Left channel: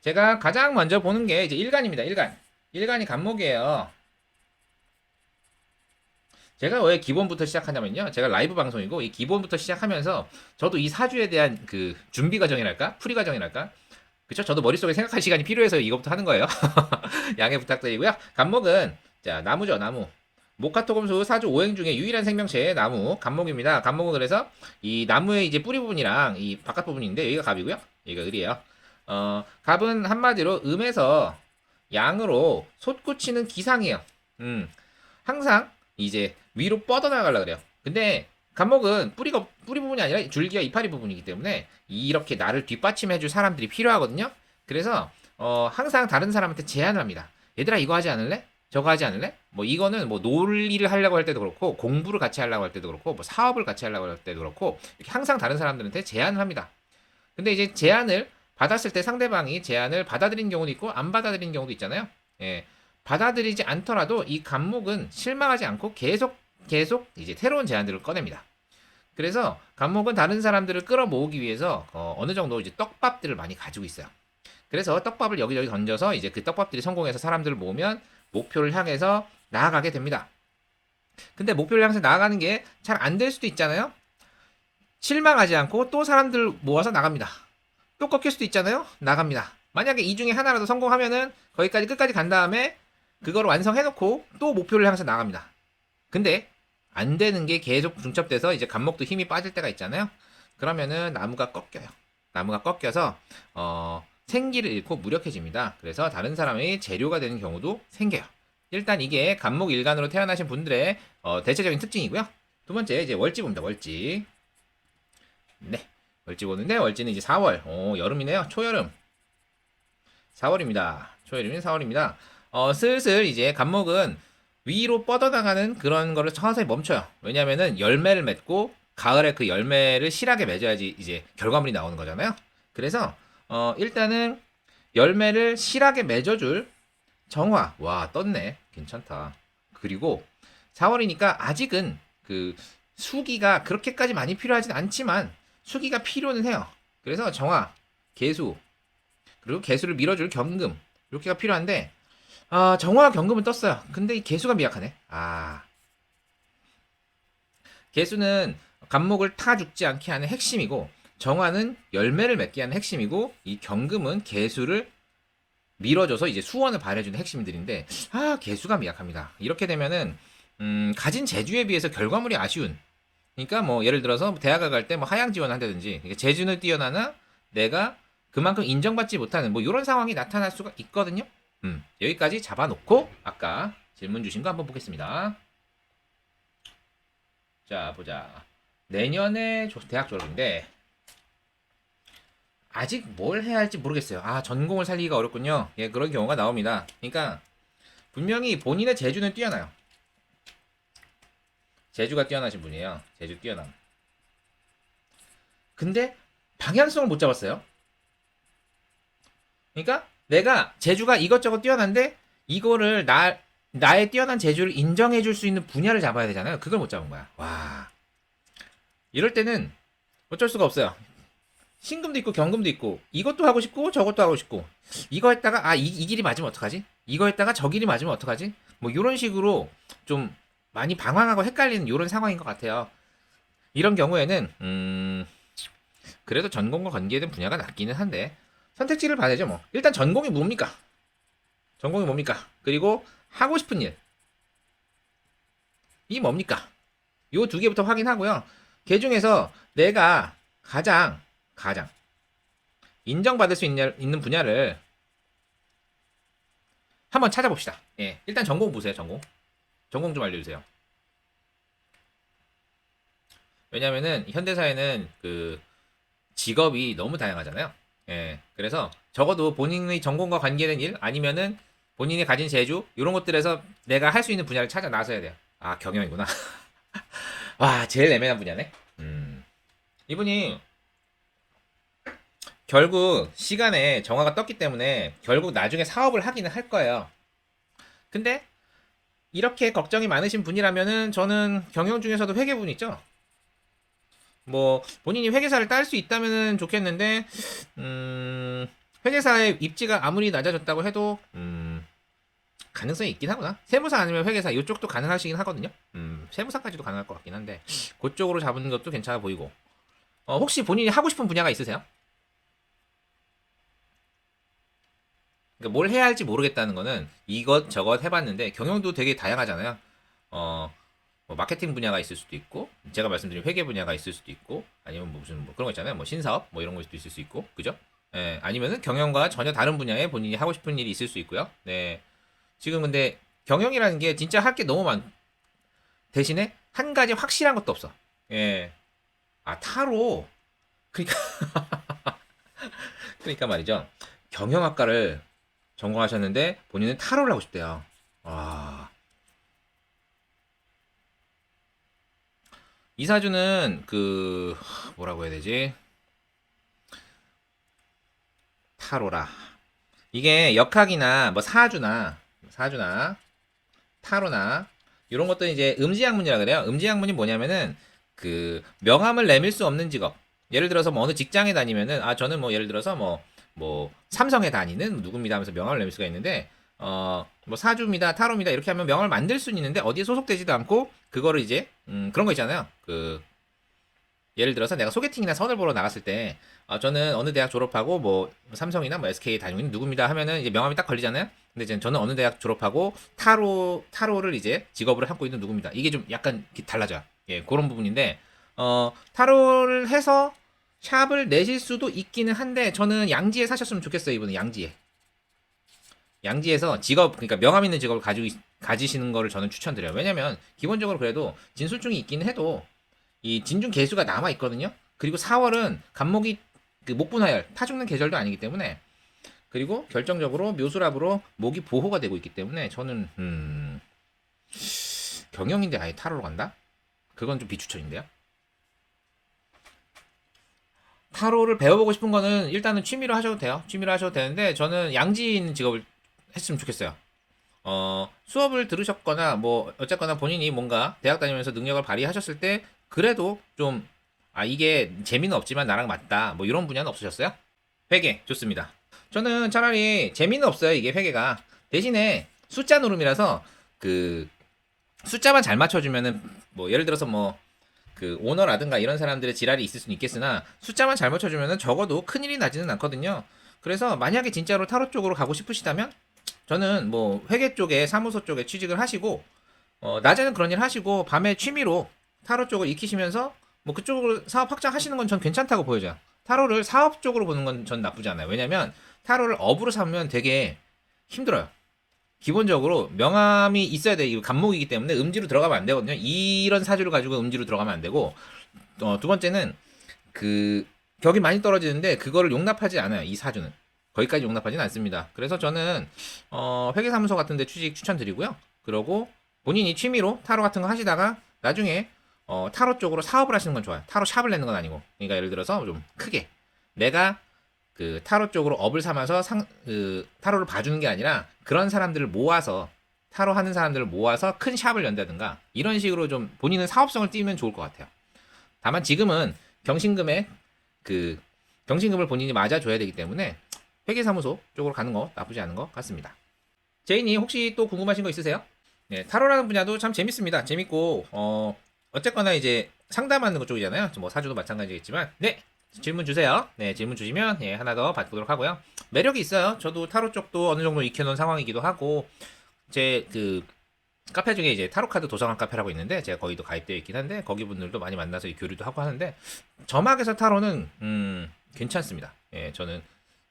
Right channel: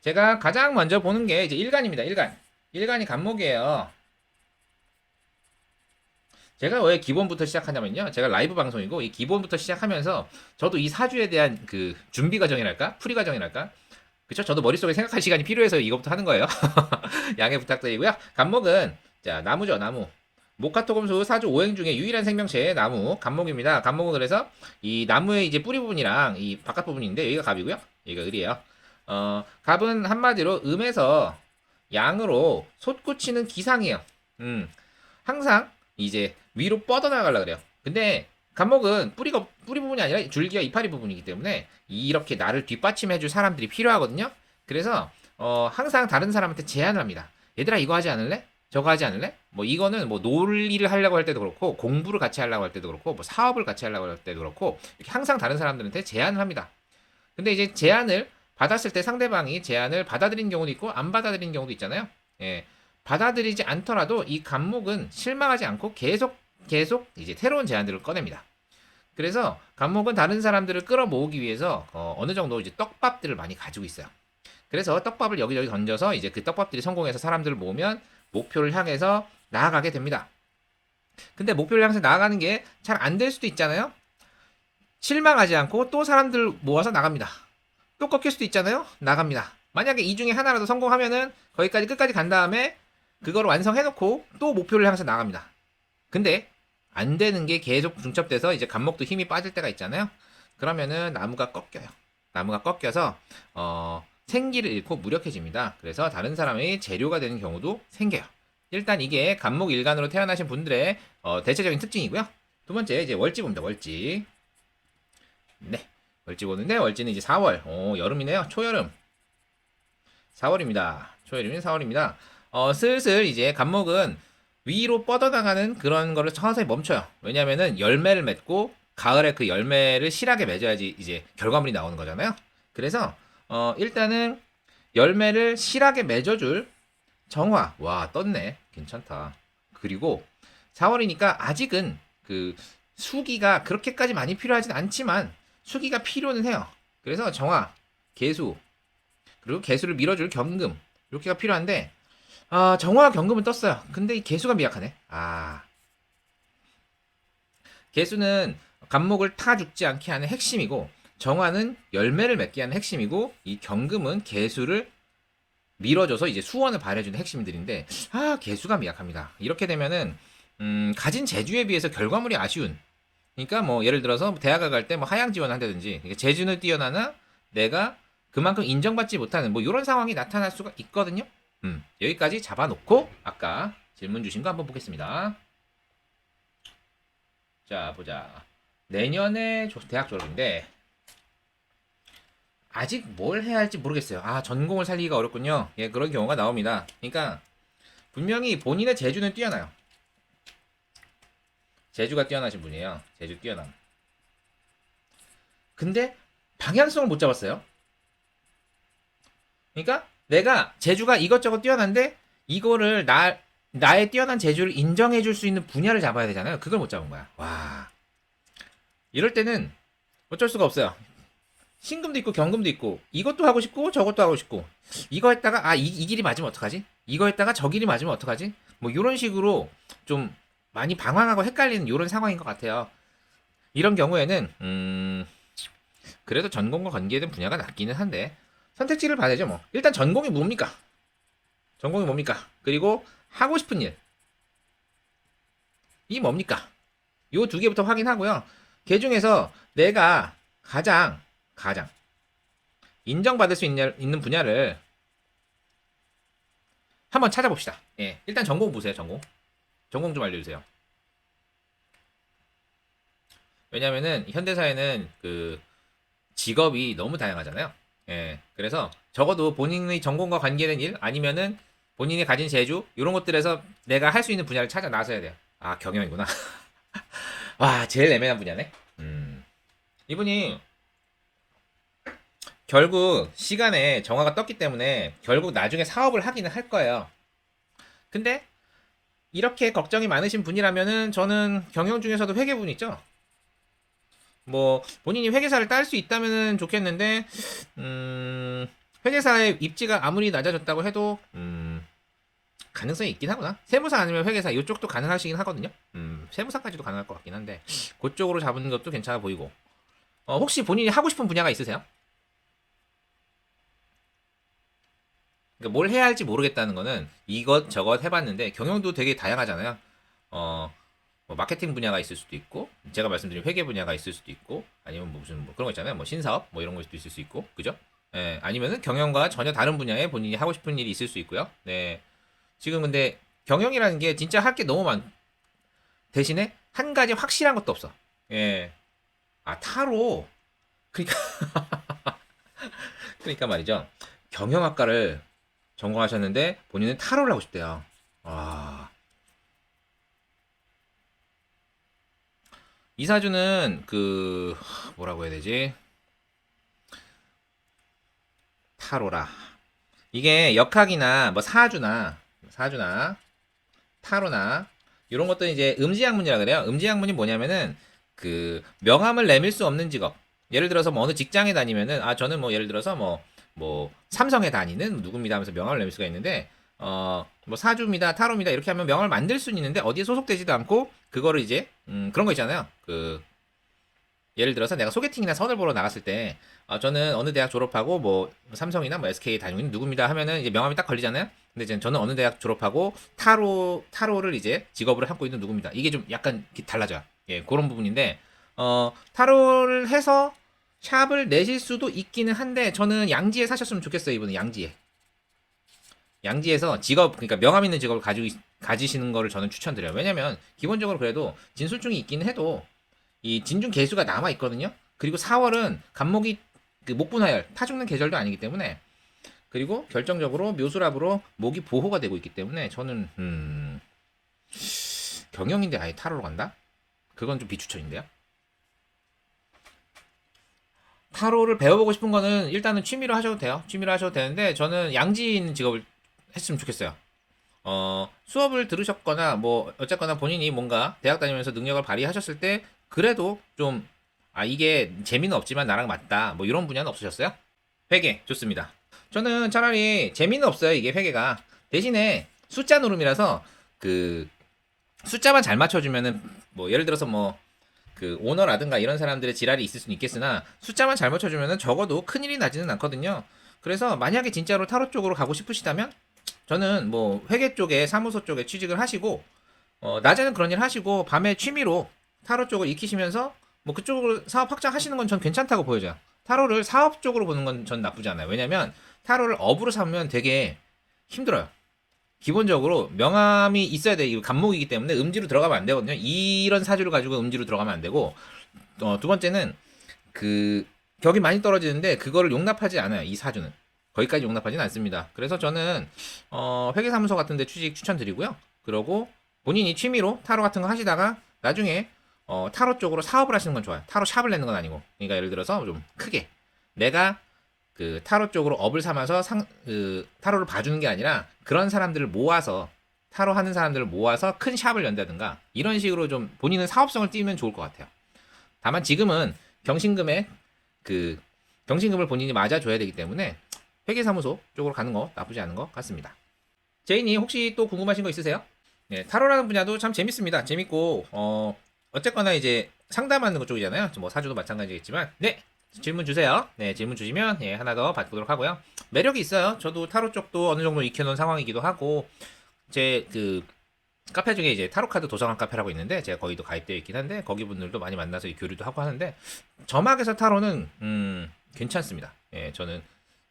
제가 가장 먼저 보는 게 이제 일간입니다. 일간. 일간이 간목이에요. 제가 왜 기본부터 시작하냐면요. 제가 라이브 방송이고 이 기본부터 시작하면서 저도 이 사주에 대한 그 준비 과정이랄까? 풀이 과정이랄까? 그쵸? 저도 머릿속에 생각할 시간이 필요해서 이것부터 하는 거예요. 양해 부탁드리고요. 간목은 자, 나무죠, 나무. 목화토금수 사주 오행 중에 유일한 생명체의 나무, 간목입니다. 간목은 그래서 이 나무의 이제 뿌리 부분이랑 이 바깥 부분인데 여기가 갑이고요. 여기가 을이에요. 갑은 한마디로 음에서 양으로 솟구치는 기상이에요. 항상 이제 위로 뻗어나가려 그래요. 근데 간목은 뿌리 부분이 아니라 줄기와 이파리 부분이기 때문에 이렇게 나를 뒷받침해줄 사람들이 필요하거든요. 그래서 항상 다른 사람한테 제안을 합니다. 얘들아 이거 하지 않을래? 저거 하지 않을래? 뭐 이거는 뭐 논리를 하려고 할 때도 그렇고 공부를 같이 하려고 할 때도 그렇고 뭐 사업을 같이 하려고 할 때도 그렇고 이렇게 항상 다른 사람들한테 제안을 합니다. 근데 이제 제안을 받았을 때 상대방이 제안을 받아들인 경우도 있고 안 받아들인 경우도 있잖아요. 예. 받아들이지 않더라도 이 간목은 실망하지 않고 계속 이제 새로운 제안들을 꺼냅니다. 그래서 간목은 다른 사람들을 끌어모으기 위해서 느 정도 이제 떡밥들을 많이 가지고 있어요. 그래서 떡밥을 여기저기 던져서 이제 그 떡밥들이 성공해서 사람들을 모으면 목표를 향해서 나아가게 됩니다. 근데 목표를 향해서 나아가는 게 잘 안 될 수도 있잖아요. 실망하지 않고 또 사람들 모아서 나갑니다. 또 꺾일 수도 있잖아요. 나갑니다. 만약에 이 중에 하나라도 성공하면은 거기까지 끝까지 간 다음에 그걸 완성해놓고 또 목표를 향해서 나갑니다. 근데 안 되는 게 계속 중첩돼서 이제 간목도 힘이 빠질 때가 있잖아요. 그러면은 나무가 꺾여요. 나무가 꺾여서 생기를 잃고 무력해집니다. 그래서 다른 사람의 재료가 되는 경우도 생겨요. 일단 이게 간목 일간으로 태어나신 분들의 대체적인 특징이고요. 두 번째 이제 월지 봅니다. 월지. 네. 월지 보는데 월지는 이제 4월. 여름이네요. 초여름. 4월입니다. 초여름인 4월입니다. 슬슬 이제 간목은 위로 뻗어나가는 그런 거를 서서히 멈춰요. 왜냐면은 열매를 맺고 가을에 그 열매를 실하게 맺어야지 이제 결과물이 나오는 거잖아요. 그래서 일단은 열매를 실하게 맺어줄 정화. 와, 떴네. 괜찮다. 그리고 4월이니까 아직은 그 수기가 그렇게까지 많이 필요하진 않지만 수기가 필요는 해요. 그래서 정화, 개수, 그리고 개수를 밀어줄 경금 이렇게가 필요한데 정화 경금은 떴어요. 근데 이 개수가 미약하네. 개수는 간목을 타 죽지 않게 하는 핵심이고 정화는 열매를 맺게 하는 핵심이고 이 경금은 개수를 밀어줘서 이제 수원을 발해주는 핵심들인데 개수가 미약합니다. 이렇게 되면은 가진 재주에 비해서 결과물이 아쉬운 그러니까 뭐 예를 들어서 대학을 갈 때 뭐 하향 지원을 한다든지 재주는 뛰어나나 내가 그만큼 인정받지 못하는 뭐 이런 상황이 나타날 수가 있거든요. 여기까지 잡아놓고 아까 질문 주신 거 한번 보겠습니다. 자 보자. 내년에 대학 졸업인데 아직 뭘 해야 할지 모르겠어요. 전공을 살리기가 어렵군요. 예, 그런 경우가 나옵니다. 그러니까 분명히 본인의 재주는 뛰어나요. 재주가 뛰어나신 분이에요. 재주 뛰어남. 근데 방향성을 못 잡았어요. 그러니까 내가 재주가 이것저것 뛰어난데 이거를 나의 뛰어난 재주를 인정해 줄 수 있는 분야를 잡아야 되잖아요. 그걸 못 잡은 거야. 와. 이럴 때는 어쩔 수가 없어요. 신금도 있고 경금도 있고 이것도 하고 싶고 저것도 하고 싶고 이거 했다가 이 길이 맞으면 어떡하지? 이거 했다가 저 길이 맞으면 어떡하지? 뭐 이런 식으로 좀 많이 방황하고 헷갈리는 이런 상황인 것 같아요. 이런 경우에는 그래도 전공과 관계된 분야가 낫기는 한데 선택지를 봐야죠 뭐. 일단 전공이 뭡니까? 전공이 뭡니까? 그리고 하고 싶은 일. 이 뭡니까? 요 두 개부터 확인하고요. 그 중에서 내가 가장 인정받을 수 있는 분야를 한번 찾아봅시다. 예. 일단 전공 보세요, 전공. 전공 좀 알려주세요. 왜냐면은 현대사회는 그 직업이 너무 다양하잖아요. 예. 그래서 적어도 본인의 전공과 관계된 일 아니면은 본인이 가진 재주 이런 것들에서 내가 할 수 있는 분야를 찾아 나서야 돼요. 경영이구나. 와, 제일 애매한 분야네. 이분이 결국 시간에 정화가 떴기 때문에 결국 나중에 사업을 하기는 할 거예요. 근데 이렇게 걱정이 많으신 분이라면은 저는 경영 중에서도 회계분 있죠. 뭐 본인이 회계사를 딸 수 있다면 좋겠는데 회계사의 입지가 아무리 낮아졌다고 해도 가능성이 있긴 하구나. 세무사 아니면 회계사 이쪽도 가능하시긴 하거든요. 세무사까지도 가능할 것 같긴 한데 그쪽으로 잡는 것도 괜찮아 보이고. 혹시 본인이 하고 싶은 분야가 있으세요? 그러니까 뭘 해야 할지 모르겠다는 거는 이것 저것 해봤는데 경영도 되게 다양하잖아요. 뭐 마케팅 분야가 있을 수도 있고 제가 말씀드린 회계 분야가 있을 수도 있고 아니면 무슨 뭐 그런 거 있잖아요. 뭐 신사업 뭐 이런 걸 수도 있을 수 있고 그죠? 예, 아니면은 경영과 전혀 다른 분야에 본인이 하고 싶은 일이 있을 수 있고요. 네. 지금 근데 경영이라는 게 진짜 할 게 너무 대신에 한 가지 확실한 것도 없어. 예. 아, 타로. 그러니까, 그러니까 말이죠. 경영학과를 전공하셨는데 본인은 타로를 하고 싶대요. 와. 이사주는 뭐라고 해야 되지? 타로라. 이게 역학이나 뭐 사주나 타로나 이런 것들은 이제 음지학문이라 그래요. 음지학문이 뭐냐면은 명함을 내밀 수 없는 직업. 예를 들어서 뭐 어느 직장에 다니면은 저는 뭐 예를 들어서 뭐 삼성에 다니는 누구입니다 하면서 명함을 내밀 수가 있는데 뭐 사주입니다, 타로입니다 이렇게 하면 명함을 만들 수는 있는데 어디에 소속되지도 않고 그거를 이제 그런 거 있잖아요. 예를 들어서 내가 소개팅이나 선을 보러 나갔을 때 저는 어느 대학 졸업하고 뭐 삼성이나 뭐 SK 다니는 누구입니다 하면은 이제 명함이 딱 걸리잖아요. 근데 이제 저는 어느 대학 졸업하고 타로를 이제 직업으로 삼고 있는 누구입니다. 이게 좀 약간 달라져. 예, 그런 부분인데 타로를 해서 샵을 내실 수도 있기는 한데 저는 양지에 사셨으면 좋겠어요. 이분은 양지에서 직업 그러니까 명함 있는 직업을 가지시는 거를 저는 추천드려요. 왜냐면 기본적으로 그래도 진술중이 있긴 해도 이 진중 개수가 남아 있거든요. 그리고 4월은 간목이 목분할 파죽는 계절도 아니기 때문에 그리고 결정적으로 묘수락으로 목이 보호가 되고 있기 때문에 저는 경영인데 아예 타로로 간다? 그건 좀 비추천인데요. 타로를 배워보고 싶은 거는 일단은 취미로 하셔도 돼요. 취미로 하셔도 되는데 저는 양지인 직업을 했으면 좋겠어요. 수업을 들으셨거나 뭐 어쨌거나 본인이 뭔가 대학 다니면서 능력을 발휘하셨을 때 그래도 좀 이게 재미는 없지만 나랑 맞다 뭐 이런 분야는 없으셨어요? 회계 좋습니다. 저는 차라리 재미는 없어요. 이게 회계가 대신에 숫자 노름이라서 그 숫자만 잘 맞춰주면은 뭐 예를 들어서 뭐 오너라든가 이런 사람들의 지랄이 있을 수는 있겠으나 숫자만 잘 맞춰주면은 적어도 큰일이 나지는 않거든요. 그래서 만약에 진짜로 타로 쪽으로 가고 싶으시다면 저는 뭐 회계 쪽에 사무소 쪽에 취직을 하시고 낮에는 그런 일 하시고 밤에 취미로 타로 쪽을 익히시면서 뭐 그쪽으로 사업 확장하시는 건 전 괜찮다고 보여져요. 타로를 사업 쪽으로 보는 건 전 나쁘지 않아요. 왜냐면 타로를 업으로 삼으면 되게 힘들어요. 기본적으로 명함이 있어야 돼. 이거 간목이기 때문에 음지로 들어가면 안 되거든요. 이런 사주를 가지고 음지로 들어가면 안 되고 두 번째는 그 격이 많이 떨어지는데 그거를 용납하지 않아요. 이 사주는 거기까지 용납하지는 않습니다. 그래서 저는 회계사무소 같은데 취직 추천드리고요. 그러고 본인이 취미로 타로 같은 거 하시다가 나중에 타로 쪽으로 사업을 하시는 건 좋아요. 타로 샵을 내는 건 아니고. 그러니까 예를 들어서 좀 크게 내가 타로 쪽으로 업을 삼아서 타로를 봐주는 게 아니라 그런 사람들을 모아서 타로 하는 사람들을 모아서 큰 샵을 연다든가 이런 식으로 좀 본인은 사업성을 띄우면 좋을 것 같아요. 다만 지금은 경신금에 그 경신금을 본인이 맞아줘야 되기 때문에 회계사무소 쪽으로 가는 거 나쁘지 않은 것 같습니다. 제이님 혹시 또 궁금하신 거 있으세요? 네, 타로라는 분야도 참 재밌습니다. 재밌고 어쨌거나 이제 상담하는 것 쪽이잖아요. 뭐 사주도 마찬가지겠지만 네 질문 주세요. 네 질문 주시면 예, 하나 더 받보도록 하고요. 매력이 있어요. 저도 타로 쪽도 어느 정도 익혀놓은 상황이기도 하고 제 카페 중에 이제 타로 카드 도서관 카페라고 있는데 제가 거기도 가입되어 있긴 한데 거기 분들도 많이 만나서 교류도 하고 하는데 점학에서 타로는 괜찮습니다. 예, 저는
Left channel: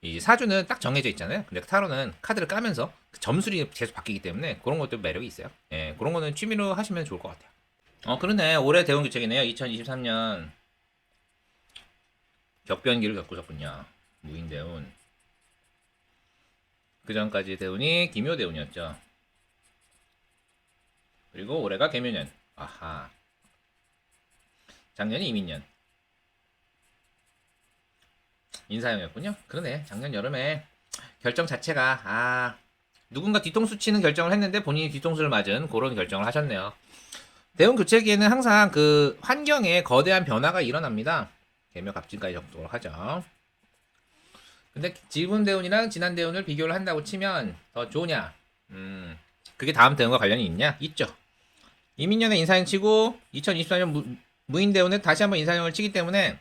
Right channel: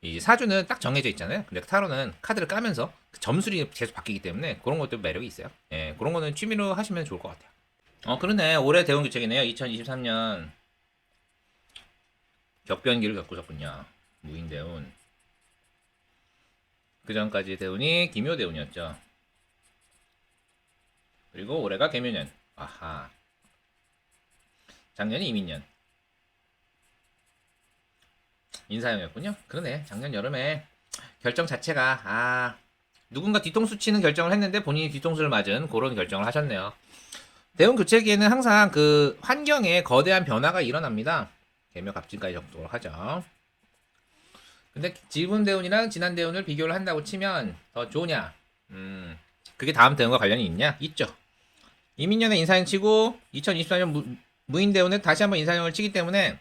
이 사주는 딱 정해져 있잖아요. 근데 타로는 카드를 까면서 점수이 계속 바뀌기 때문에 그런 것도 매력이 있어요. 예, 그런 거는 취미로 하시면 좋을 것 같아요. 그러네. 올해 대운 교책이네요. 2023년 격변기를 겪으셨군요. 무인대운. 그 전까지 대운이 기묘대운이었죠. 그리고 올해가 개묘년. 아하. 작년이 이민년. 인사형이었군요. 그러네. 작년 여름에 결정 자체가 누군가 뒤통수 치는 결정을 했는데 본인이 뒤통수를 맞은 그런 결정을 하셨네요. 대운 교체기에는 항상 환경에 거대한 변화가 일어납니다. 개묘 갑진까지 적도록 하죠. 근데 지금 대운이랑 지난 대운을 비교를 한다고 치면 더 좋으냐? 그게 다음 대운과 관련이 있냐? 있죠. 이민년에 인사형 치고 2024년 무인 대운에 다시 한번 인사형을 치기 때문에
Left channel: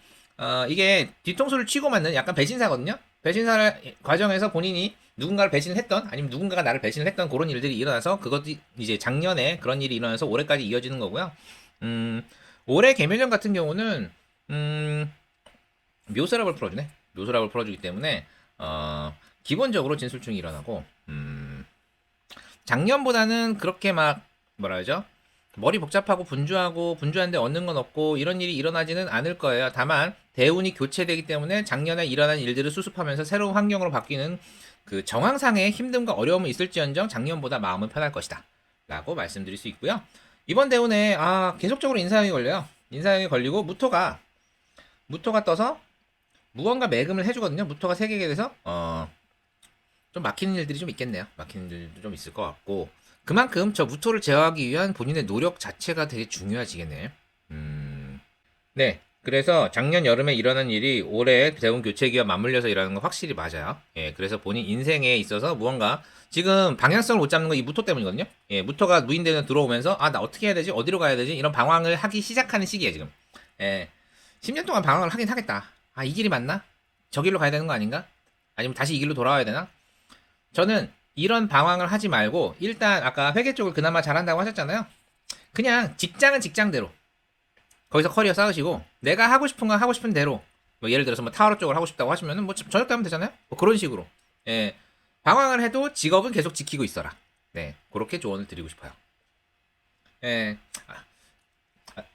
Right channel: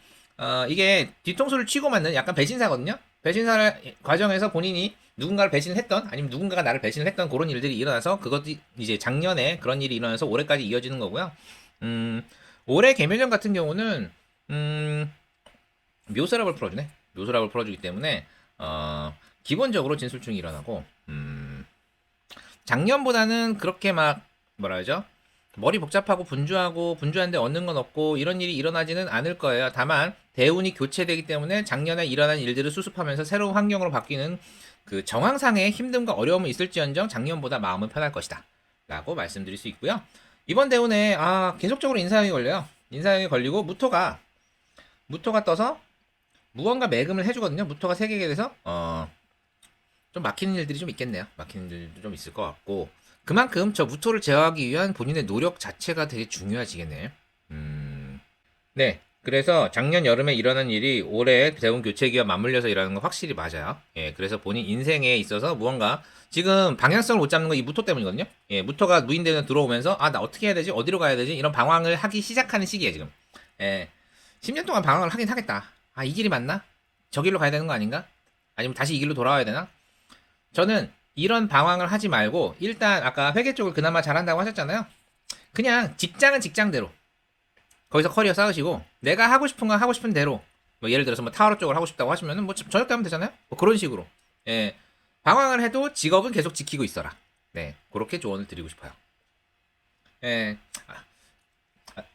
이게 뒤통수를 치고 맞는 약간 배신사거든요. 배신사를 과정에서 본인이 누군가를 배신했던 아니면 누군가가 나를 배신했던 그런 일들이 일어나서 그것도 이제 작년에 그런 일이 일어나서 올해까지 이어지는 거고요. 올해 개묘년 같은 경우는 묘사락을 풀어주네. 묘사락을 풀어주기 때문에 기본적으로 진술충이 일어나고 작년보다는 그렇게 막 뭐라 하죠? 머리 복잡하고 분주한데 얻는 건 없고 이런 일이 일어나지는 않을 거예요. 다만 대운이 교체되기 때문에 작년에 일어난 일들을 수습하면서 새로운 환경으로 바뀌는 그 정황상의 힘듦과 어려움은 있을지언정 작년보다 마음은 편할 것이다. 라고 말씀드릴 수 있고요. 이번 대운에 계속적으로 인사형이 걸려요. 인사형이 걸리고 무토가 떠서 무언가 매금을 해주거든요. 무토가 3개게 돼서 좀 막히는 일들이 좀 있겠네요. 막히는 일들도 좀 있을 것 같고 그만큼 저 무토를 제어하기 위한 본인의 노력 자체가 되게 중요해지겠네요. 네. 그래서 작년 여름에 일어난 일이 올해 대운 교체기와 맞물려서 일어나는 건 확실히 맞아요. 예, 그래서 본인 인생에 있어서 무언가 지금 방향성을 못 잡는 건 이 무토 때문이거든요. 예, 무토가 무인대에 들어오면서 나 어떻게 해야 되지? 어디로 가야 되지? 이런 방황을 하기 시작하는 시기예요, 지금. 예. 10년 동안 방황을 하긴 하겠다. 이 길이 맞나? 저 길로 가야 되는 거 아닌가? 아니면 다시 이 길로 돌아와야 되나? 저는 이런 방황을 하지 말고 일단 아까 회계 쪽을 그나마 잘한다고 하셨잖아요. 그냥 직장은 직장대로 거기서 커리어 쌓으시고 내가 하고 싶은 거 하고 싶은 대로 뭐 예를 들어서 뭐 타워로 쪽을 하고 싶다고 하시면은 뭐 저녁 때 하면 되잖아요. 뭐 그런 식으로 예, 방황을 해도 직업은 계속 지키고 있어라. 네, 그렇게 조언을 드리고 싶어요. 예,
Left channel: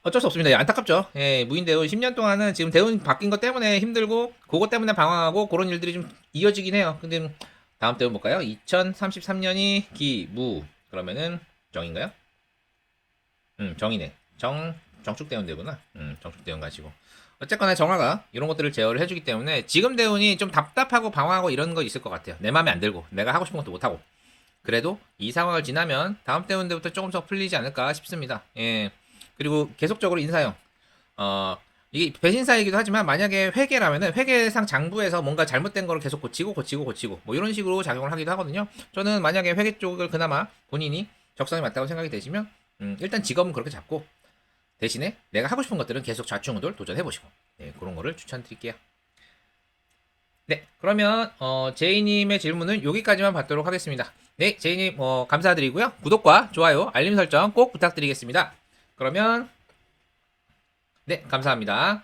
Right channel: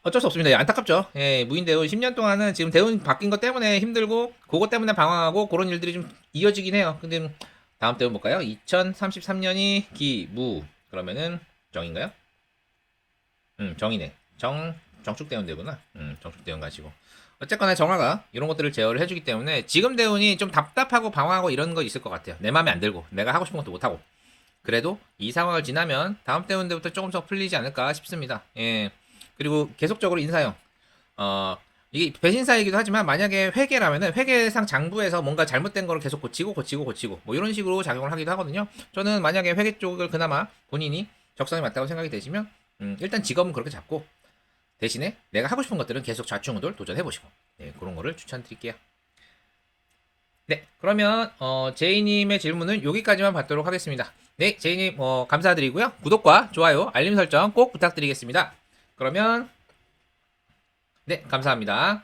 어쩔 수 없습니다. 예, 안타깝죠. 예, 무인대운 10년 동안은 지금 대운 바뀐 것 때문에 힘들고 그것 때문에 방황하고 그런 일들이 좀 이어지긴 해요. 근데 다음 대운 볼까요? 2033년이 기무 그러면은 정인가요? 정이네. 정축대운 되구나. 정축대운 가지고. 어쨌거나 정화가 이런 것들을 제어를 해주기 때문에 지금 대운이 좀 답답하고 방황하고 이런 거 있을 것 같아요. 내 마음에 안 들고 내가 하고 싶은 것도 못하고. 그래도 이 상황을 지나면 다음 대운 때부터 조금 더 풀리지 않을까 싶습니다. 예. 그리고 계속적으로 인사형. 이게 배신사이기도 하지만 만약에 회계라면은 회계상 장부에서 뭔가 잘못된 거를 계속 고치고 뭐 이런 식으로 작용을 하기도 하거든요. 저는 만약에 회계 쪽을 그나마 본인이 적성이 맞다고 생각이 되시면 일단 직업은 그렇게 잡고 대신에 내가 하고 싶은 것들은 계속 좌충우돌 도전해보시고 네, 그런 거를 추천드릴게요. 네, 그러면 제이님의 질문은 여기까지만 받도록 하겠습니다. 네, 제이님 감사드리고요. 구독과 좋아요, 알림 설정 꼭 부탁드리겠습니다. 그러면 네, 감사합니다.